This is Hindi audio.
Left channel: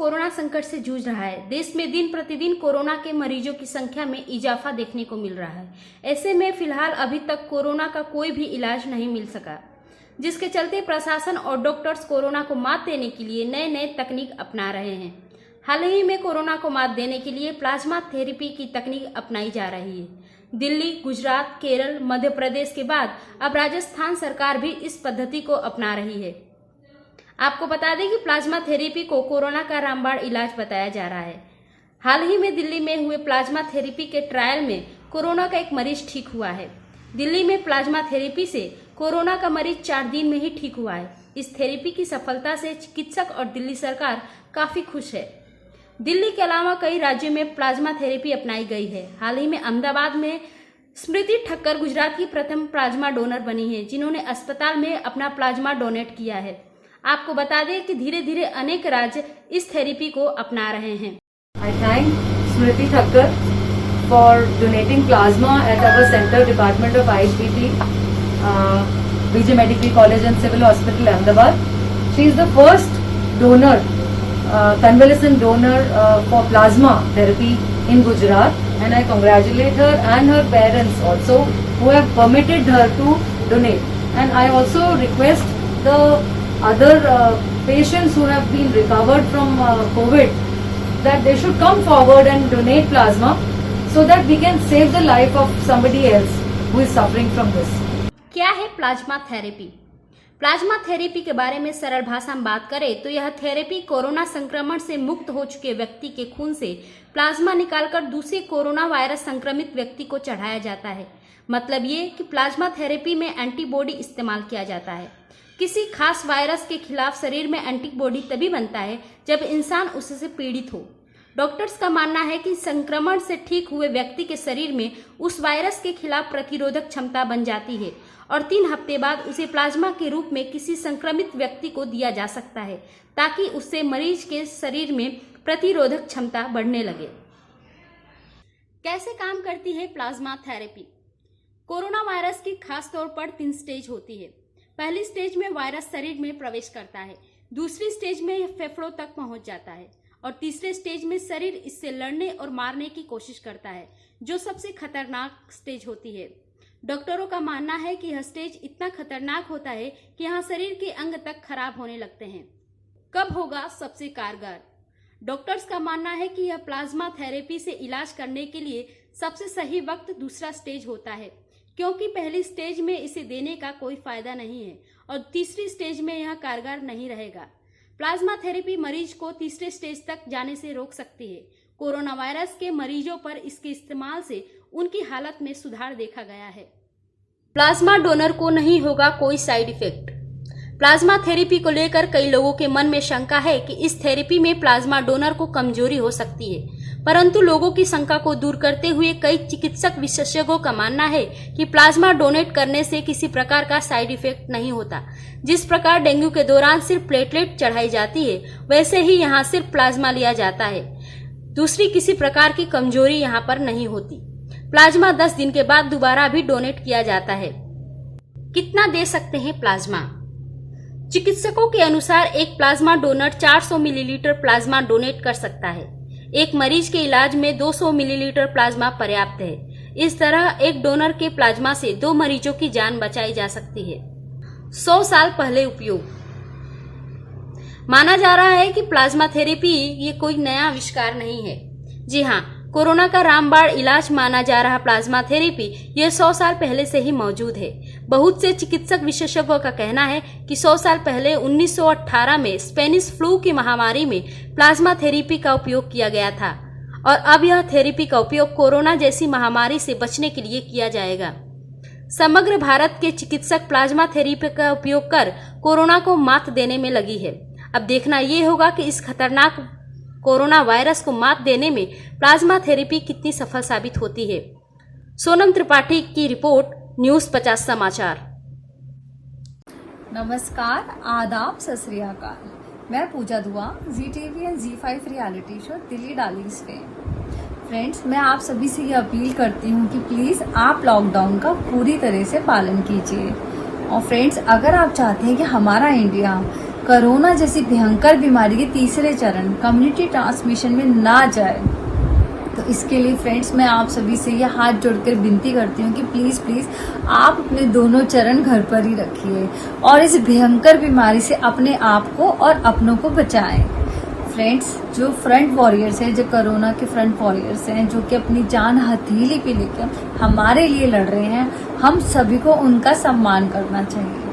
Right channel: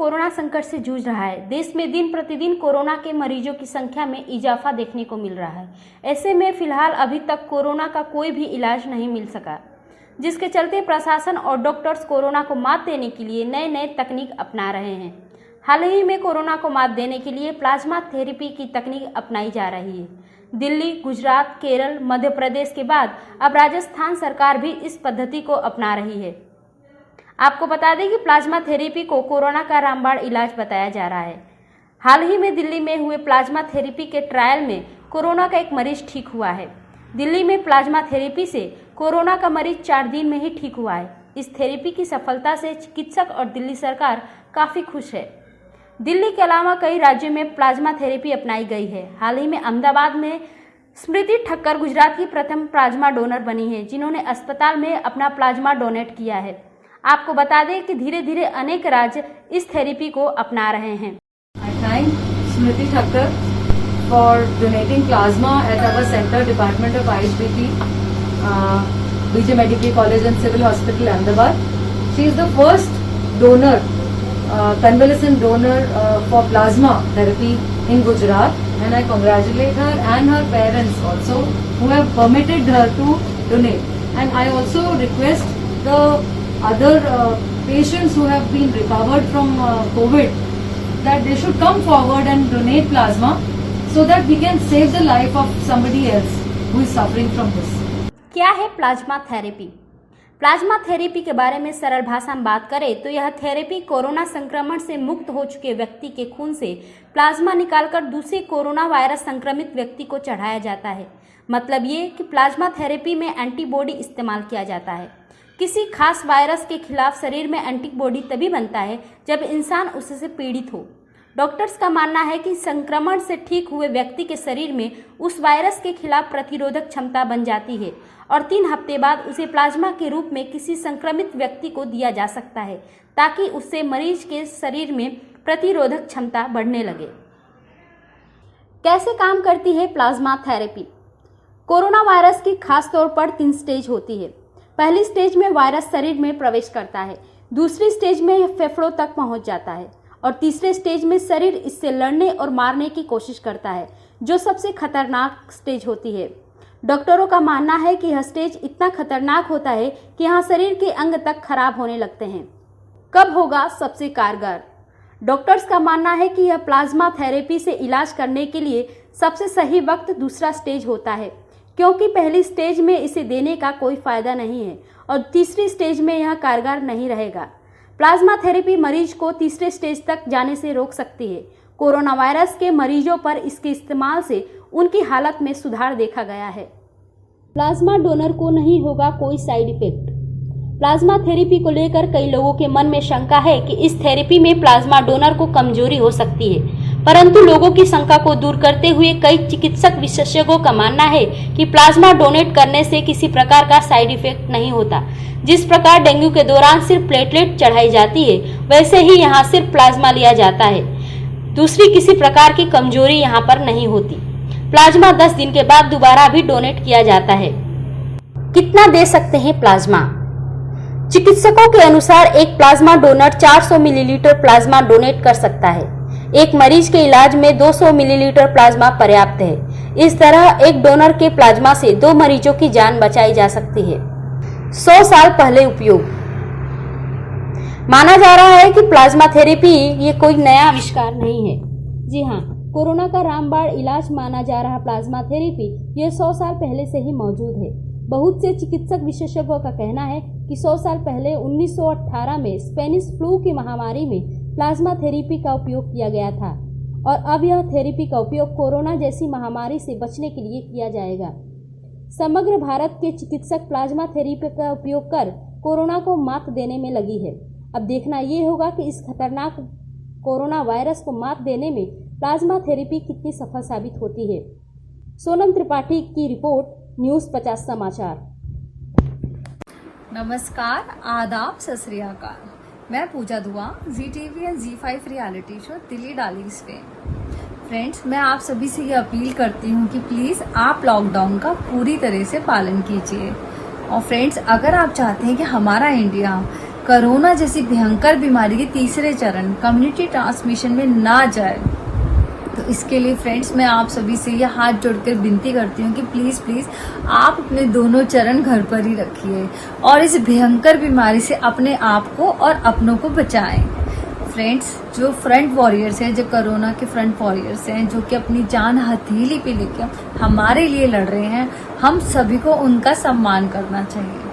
कोरोना संकट से जूझ रहा है। देश में दिन प्रतिदिन कोरोना के मरीजों की संख्या में इजाफा देखने को मिल रहा है। ऐसे में फिलहाल अभी तक कोरोना का कोई भी इलाज नहीं मिल सका, जिसके चलते प्रशासन और डॉक्टर्स कोरोना को मात देने के लिए नए नए तकनीक अपना रहे हैं। हाल ही में कोरोना को मात देने के लिए प्लाज्मा थेरेपी की तकनीक अपनाई जा रही है। दिल्ली, गुजरात, केरल, मध्य प्रदेश के बाद अब राजस्थान सरकार भी इस पद्धति को अपना रही है। आपको बता दें कि प्लाज्मा थेरेपी को कोरोना का रामबाण इलाज बताया जा रहा है। हाल ही में दिल्ली में हुए प्लाज्मा थेरेपी के ट्रायल में कोरोना का एक मरीज ठीक हुआ है। दिल्ली में प्लाज्मा थेरेपी से कोरोना का मरीज 4 दिन में ही ठीक हुआ है। इस थेरेपी की सफलता से चिकित्सक और दिल्ली सरकार काफी खुश है। दिल्ली के अलावा कई राज्यों में प्लाज्मा थेरेपी अपनाई गई है। हाल ही में अहमदाबाद में स्मृति ठक्कर गुजरात की प्रथम प्लाज्मा डोनर बनी है, जिन्होंने अस्पताल में अपना प्लाज्मा डोनेट किया है। आपको बता दें कि धीरे धीरे अनेक राज्य इस थेरेपी को अपना रहे हैं। I thank Smriti Thakkar for donating plasma at our center, Department of IHBP, BJ Medical College and Civil Hospital, Ahmedabad. She is the first donor, convalescent donor for plasma therapy in Gujarat, and I congratulate her and her parents also who have permitted her to donate. And I also request the other patients who have been recovered from COVID that they should come forward and donate plasma so that we can save the life of somebody else who is suffering from this. क्या है प्लाज्मा थेरेपी? प्लाज्मा थेरेपी के बारे में सरल भाषा में बात करें तो यह थेरेपी कोरोना संक्रमण से मुक्त हो चुके व्यक्ति के खून से प्लाज्मा निकालकर दूसरे कोरोना वायरस संक्रमित व्यक्ति को चढ़ाया जाता है। मतलब ये कि प्लाज्मा थेरेपी में एंटीबॉडी इस्तेमाल किया जाता है। किसी खास वायरस के खिलाफ शरीर में एंटीबॉडी तभी बनता है जब इंसान उससे पीड़ित हो। डॉक्टर्स का मानना है कि संक्रमण से ठीक हुए व्यक्ति के शरीर में उस वायरस के खिलाफ प्रतिरोधक क्षमता बन जाती है और 3 हफ्ते बाद उसे प्लाज्मा के रूप में किसी संक्रमित व्यक्ति को दिया जा सकता है, ताकि उससे मरीज के शरीर में प्रतिरोधक क्षमता बढ़ने लगे। कैसे काम करती है प्लाज्मा थेरेपी? कोरोना वायरस की खास तौर पर 3 स्टेज होती है। पहली स्टेज में वायरस शरीर में प्रवेश करता है, दूसरी स्टेज में यह फेफड़ों तक पहुंच जाता है और तीसरे स्टेज में शरीर इससे लड़ने और मारने की कोशिश करता है, जो सबसे खतरनाक स्टेज होती है। डॉक्टरों का मानना है कि यह स्टेज इतना खतरनाक होता है कि यहाँ शरीर के अंग तक खराब होने लगते हैं। कब होगा सबसे कारगर? डॉक्टर्स का मानना है कि यह प्लाज्मा थेरेपी से इलाज करने के लिए सबसे सही वक्त दूसरा स्टेज होता है, क्योंकि पहली स्टेज में इसे देने का कोई फायदा नहीं है और तीसरी स्टेज में यह कारगर नहीं रहेगा। प्लाज्मा थेरेपी मरीज को तीसरे स्टेज तक जाने से रोक सकती है। कोरोना वायरस के मरीजों पर इसके इस्तेमाल से उनकी हालत में सुधार देखा गया है। प्लाज्मा डोनर को नहीं होगा कोई साइड इफेक्ट। प्लाज्मा थेरेपी को लेकर कई लोगों के मन में शंका है कि इस थेरेपी में प्लाज्मा डोनर को कमजोरी हो सकती है, परंतु लोगों की शंका को दूर करते हुए कई चिकित्सक विशेषज्ञों का मानना है कि प्लाज्मा डोनेट करने से किसी प्रकार का साइड इफेक्ट नहीं होता। जिस प्रकार डेंगू के दौरान सिर्फ प्लेटलेट चढ़ाई जाती है, वैसे ही यहाँ सिर्फ प्लाज्मा लिया जाता है। दूसरी किसी प्रकार की कमजोरी यहाँ पर नहीं होती। प्लाज्मा 10 दिन के बाद दोबारा भी डोनेट किया जाता है। कितना दे सकते हैं प्लाज्मा? चिकित्सकों के अनुसार एक plasma donor 400 millilitre plasma donate कर सकता है। एक मरीज के इलाज में 200 मिलीलीटर प्लाज्मा पर्याप्त है। इस तरह एक डोनर के प्लाज्मा से 2 मरीजों की जान बचाई जा सकती है। 100 साल पहले उपयोग। माना जा रहा है कि प्लाज्मा थेरेपी ये कोई नया आविष्कार नहीं है। जी हाँ, कोरोना का रामबाण इलाज माना जा रहा प्लाज्मा थेरेपी ये 100 साल पहले से ही मौजूद है। बहुत से चिकित्सक विशेषज्ञों का कहना है कि 100 साल पहले 1918 में स्पेनिश फ्लू की महामारी में प्लाज्मा थेरेपी का उपयोग किया गया था और अब यह थेरेपी का उपयोग कोरोना जैसी महामारी से बचने के लिए किया जाएगा। समग्र भारत के चिकित्सक प्लाज्मा थेरेपी का उपयोग कर कोरोना को मात देने में लगी है। अब देखना ये होगा कि इस खतरनाक कोरोना वायरस को मात देने में प्लाज्मा थेरेपी कितनी सफल साबित होती है। सोनम त्रिपाठी की रिपोर्ट, न्यूज़ 50 समाचार। नमस्कार, आदाब, सत श्री अकाल। मैं पूजा दुआ, ZTV and Z5 reality show Delhi Darling's fame. Friends, मैं आप सभी से ये अपील करती हूँ कि प्लीज़ आप लॉकडाउन का पूरी तरह से पालन कीजिए। और फ्रेंड्स, अगर आप चाहते हैं कि हमारा इंडिया कोरोना जैसी भयंकर बीमारी के तीसरे चरण कम्युनिटी ट्रांसमिशन में ना जाए। तो इसके लिए फ्रेंड्स मैं आप सभी से ये हाथ जोड़कर विनती करती हूँ कि प्लीज प्लीज आप अपने दोनों चरण घर पर ही रखिए और इस भयंकर बीमारी से अपने आप को और अपनों को बचाएं। फ्रेंड्स, जो फ्रंट वॉरियर्स हैं, जो कोरोना के फ्रंट वॉरियर्स हैं, जो कि अपनी जान हथेली पे लेकर हमारे लिए लड़ रहे हैं, हम सभी को उनका सम्मान करना चाहिए।